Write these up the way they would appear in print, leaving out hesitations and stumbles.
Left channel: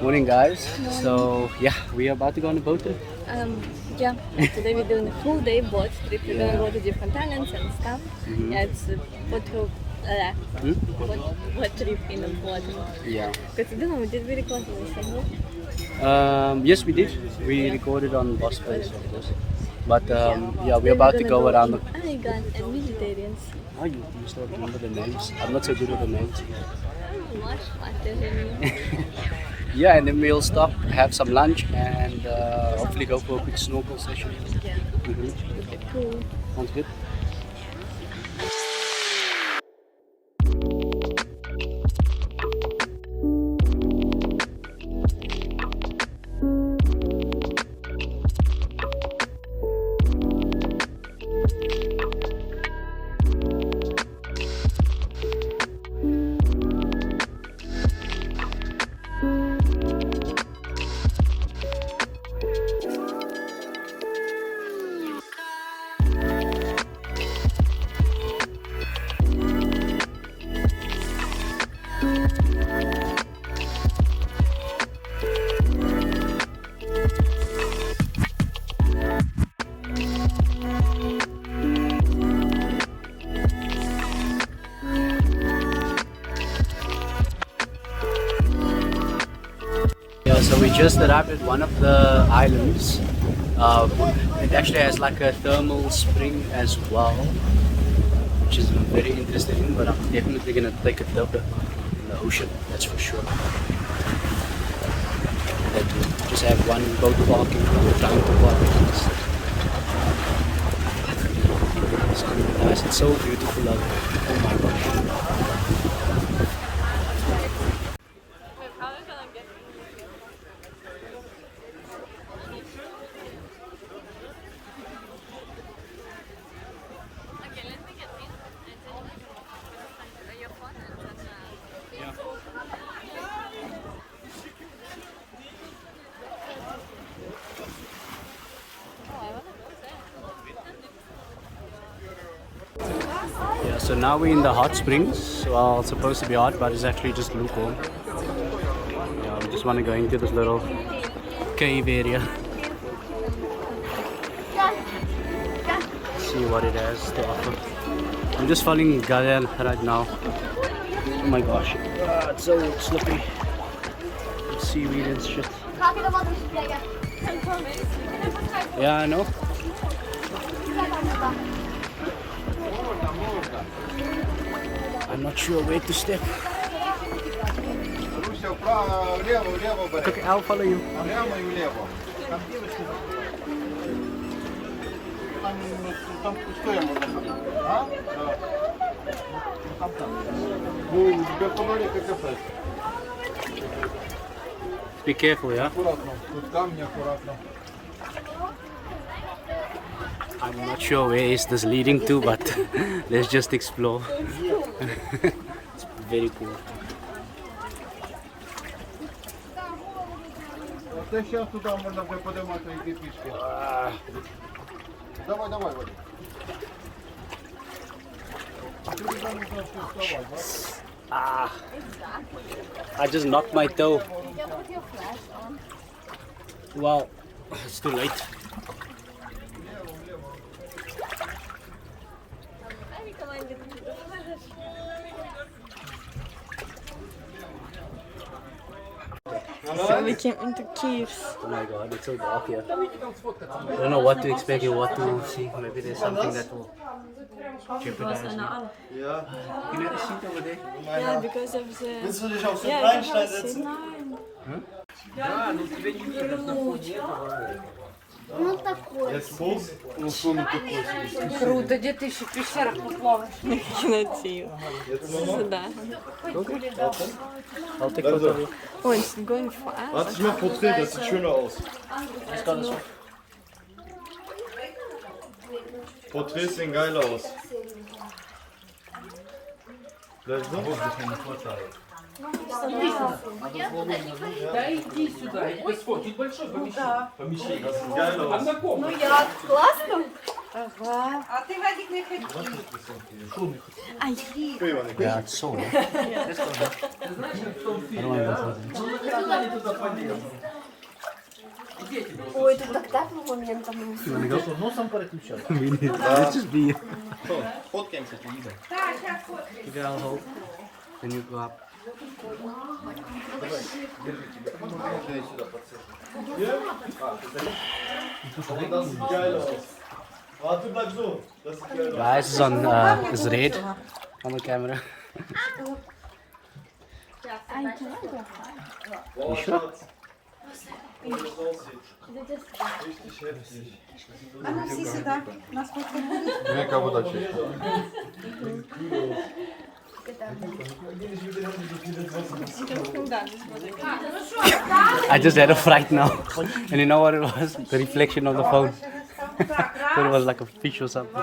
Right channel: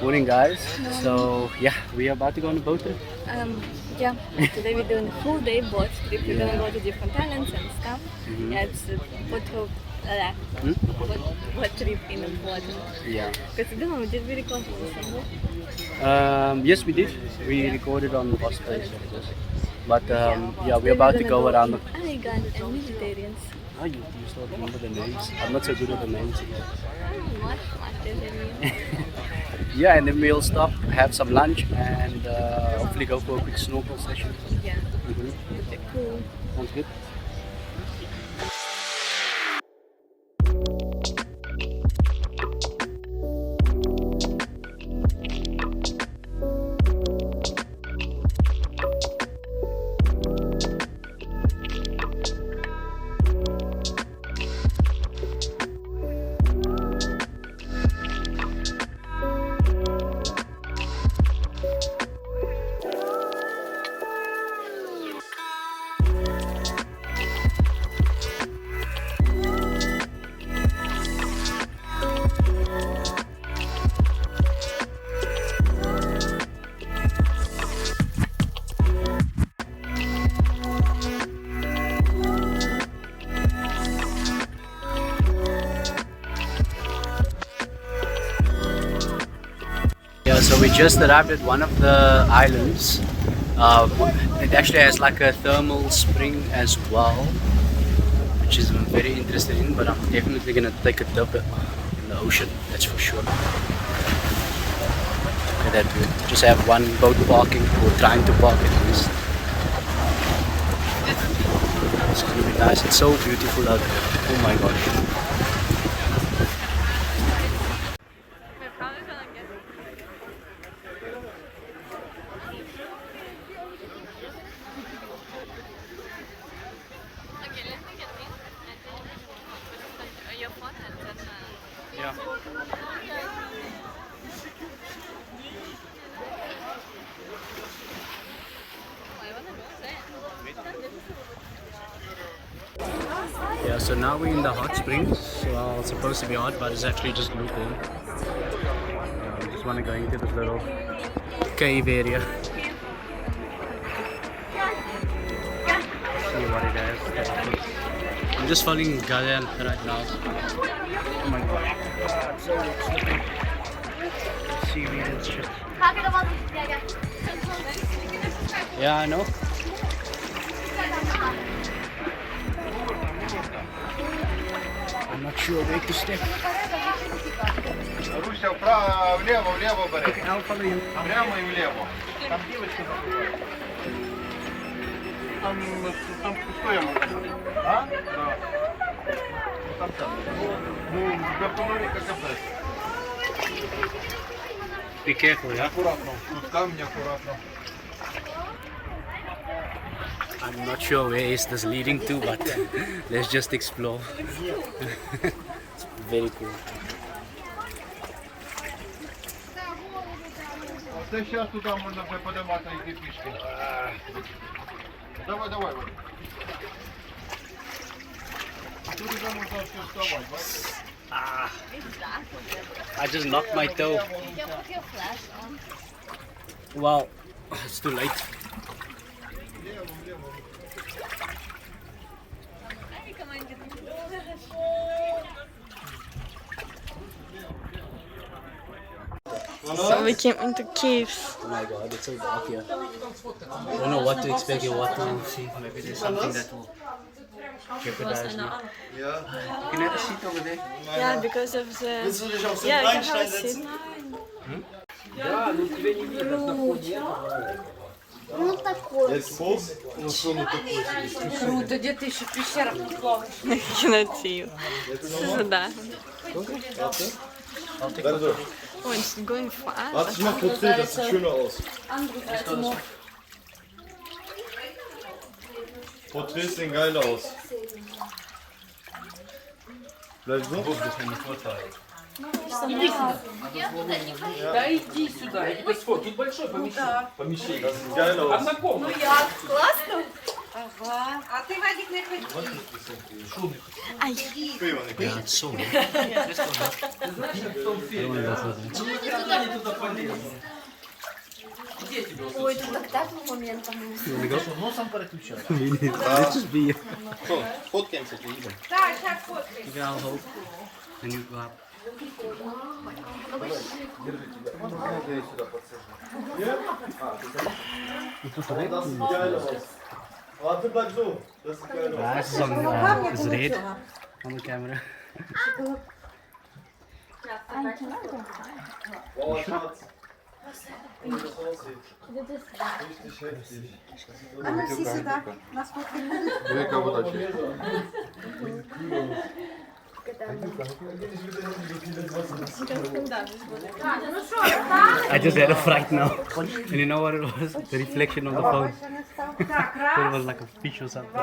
Morning, guys. So yeah, we are about to go on a boat trip. Yeah, today we're doing a full day boat trip. We're gonna Yeah. go to different islands and stuff. Yeah, it's a boat trip, boat trip in the Bodrum. Yeah. Because did we record in Istanbul? Yes, we did. We recorded on Boss Place, of course. But yeah, we're Then about to gonna go around. in Aigan and Mediterranean. Oh, you still remember the names? I'm not so good with the names. Much better. Yeah, and then we'll stop, have some lunch, and hopefully go for a quick snorkel session. Yeah, Mm-hmm. okay, cool. Sounds good. Yeah, so we just arrived at one of the islands. It actually has like a thermal spring as well, which is I'm very interested in, but I'm definitely gonna take a dip in the ocean, that's for sure. Look at that view. Just have one boat parking, or trying to park at least. It's gonna be nice. It's so beautiful out there. Oh my gosh. Yeah. Yeah, so now we're in the hot springs. Well, it's supposed to be hot, but it's actually just lukewarm. Yeah, we just want to go into this little cave area. See what it has to offer. I'm just following Galina right now. Oh my gosh, it's so slippery. Seaweed and shit. Yeah, I know. I'm not sure where to step. Okay, I'll follow you. Там пустое можно ходить. А? Да. Там. Ну, без фонарика кафе. Be careful, yeah? Аккуратно. Тут камни аккуратно. I'm not sure where is this leading to, but let's just explore. It's very cool. Це зараз туди можна вже подимати і пішки. Давай, давай, Вадим. А тут вже можна все вставати, бачиш? Ah, I just knocked my toe. Did you put your flash on? Well, it's too late. So we came into caves. Oh my god, it's so dark here. I don't know what to expect or what to see. Maybe there's something that will jeopardize me. You can have a seat over there. Yeah, because of the... Yeah, we can have a seat. Ну такой. Ну що, ну такой собі. Круто, где ты еще в пещерах не плаваешь? Кинотив. Да. I'll take photo. Oh, it's going fast. Warte, ich mach Porträt, das sieht schöner aus. Porträts sehen geil aus. Bleib so. Да иди сюда, я тебя сфоткаю. Тут большое помещение. Geil aus. Ну я. Классно? Ага. А ты, Вадик, не ходи. Yeah, it's so nice. Let's go there. I don't want to go further. это полезно. Где тебе? Ой, тут так тепло, вон я там. Что, носом переключай? Let's just be. Что, фоткаемся, идем. Так, сейчас фоткай. Give our hope. Then you go up. Das sieht geil aus. Warte, bleib so. Das sieht geil aus. Guys is on is red on the camera. Oh, Schatz. Wie das aussieht. Richtig heftig. А мы все сюда. Нас фоткали. Я как будто I just had a fright now. And you know what it was? The reflection of the phone. Thought it was like a fish or something.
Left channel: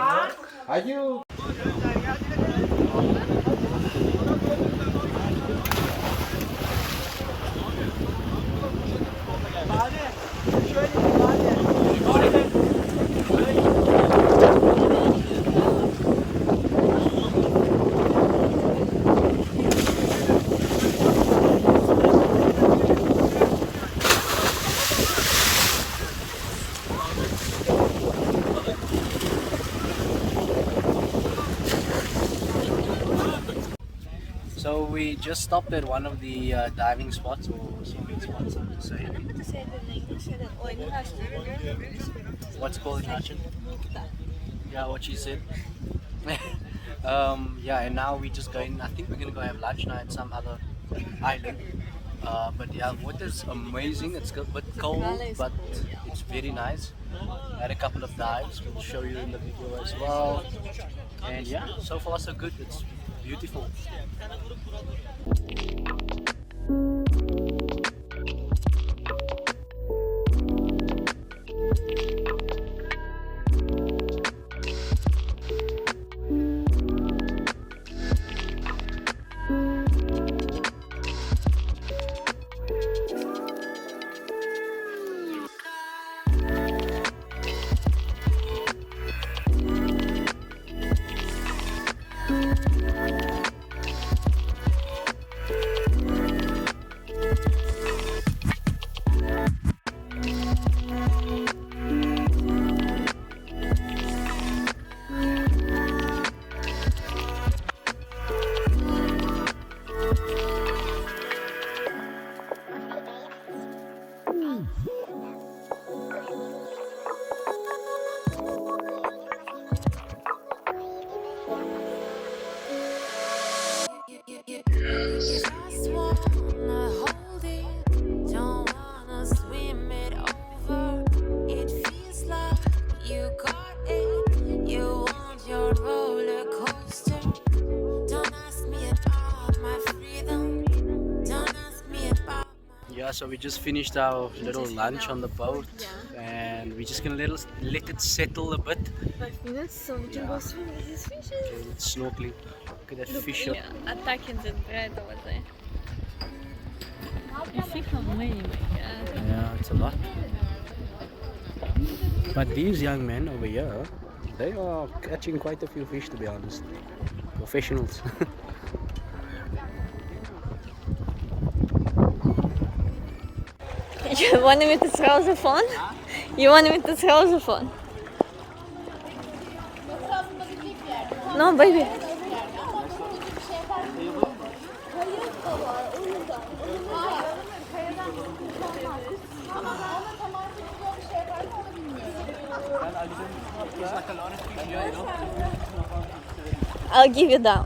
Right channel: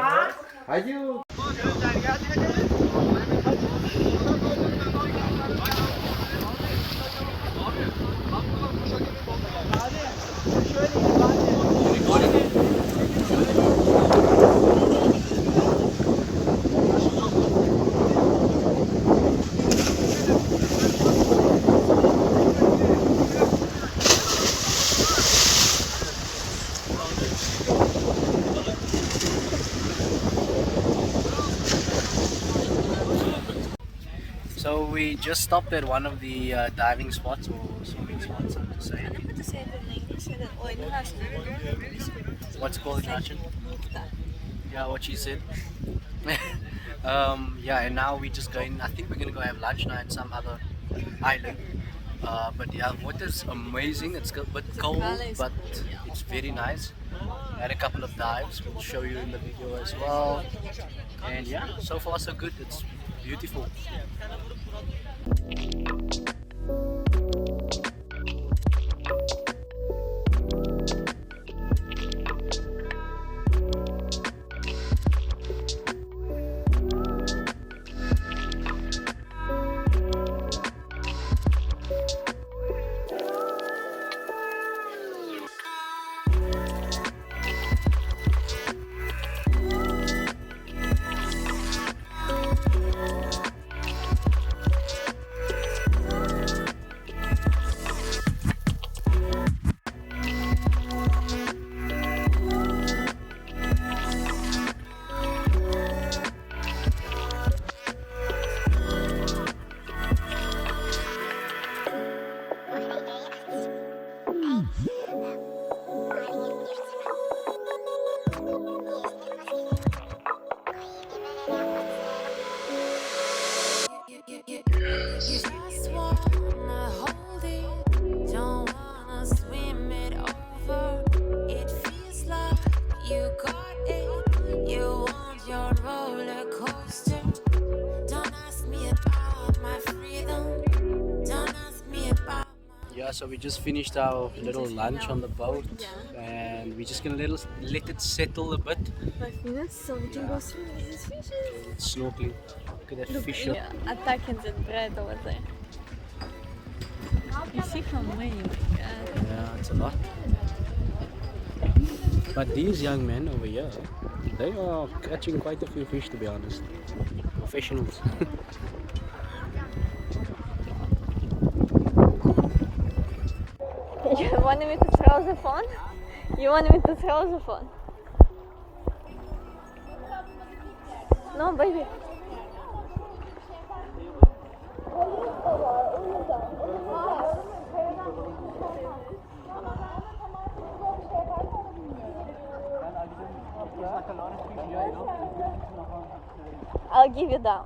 So we just stopped at one of the diving spots or swimming spots, so to say. What's it called in Russian? Yeah, what she said. Yeah, and now we just going. I think we're gonna go have lunch now at some other island. But yeah, water's amazing. It's a bit cold, but it's very nice. Had a couple of dives. We'll show you in the video as well. And yeah, so far so good. It's beautiful. Just wanna hold it, don't wanna swim it over. It feels like you got it, you want your roller coaster. Don't ask me about my freedom, don't ask me about Yeah, so we just finished our little lunch on the boat and we're just gonna let it settle a bit. 5 minutes, so we can go swim with these fishes. It's snorkeling. Look at that fish. Attacking the bread over there. You see how many? Yeah, it's a lot. But these young men over here, they are catching quite a few fish, to be honest. Professionals. You want me to throw the phone? You want me to throw the phone? No, baby. I'll give you down.